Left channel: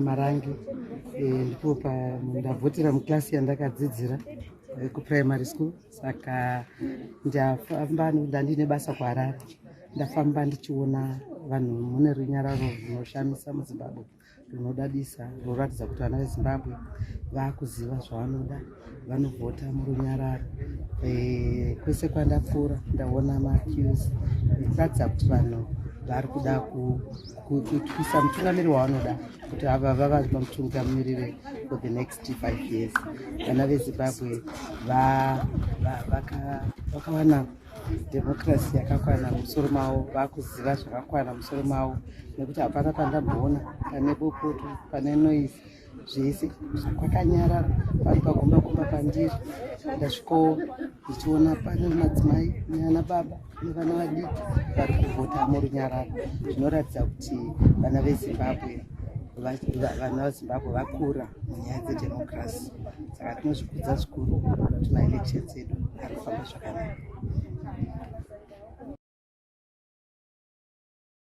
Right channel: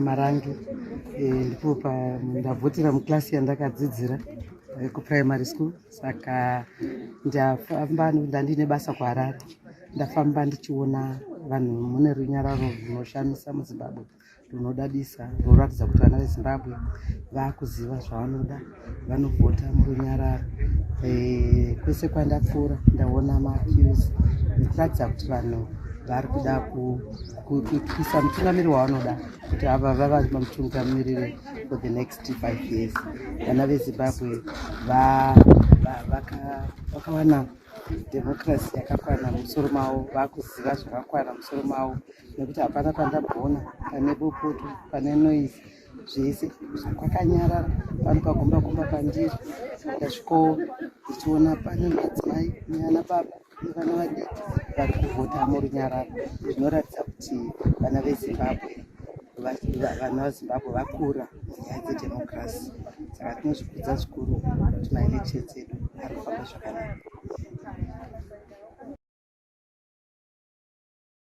Marangi ndipo ndavhotera mukilasi yandakadzidzira kuprimary school. Saka ndandine basa kuHarare. Ndafamba ndichiona vanhu mune runyararo runoshamisa muZimbabwe, runodadisa, runoratidza kuti vana veZimbabwe vakuziva zvavanoda, vanovhota murunyararo. Kwese kwandapfuura ndaona maqueues nekuratidza kuti vanhu vari kuda kuisa mutungamiri wavanoda kuti ava vava mutungamiriri for the next 5 years. Vana veZimbabwe vakawana democracy yakakwana musoro mavo, vakuziva zvakakwana musoro mavo, nekuti hapana pandamboona pane bopoto, pane noise, zvese kwakanyarara. Pano pagomba pandiri ndasvikawo ndichiona pane madzimai neana baba nevana vadiki vari kuvhota murunyararo. Zvinoratidza kuti vana veZimbabwe vakura munyaya dzedhemokirasi. Saka tinozvikudza zvikuru kuti maelections edu ari kufamba zvakanaka.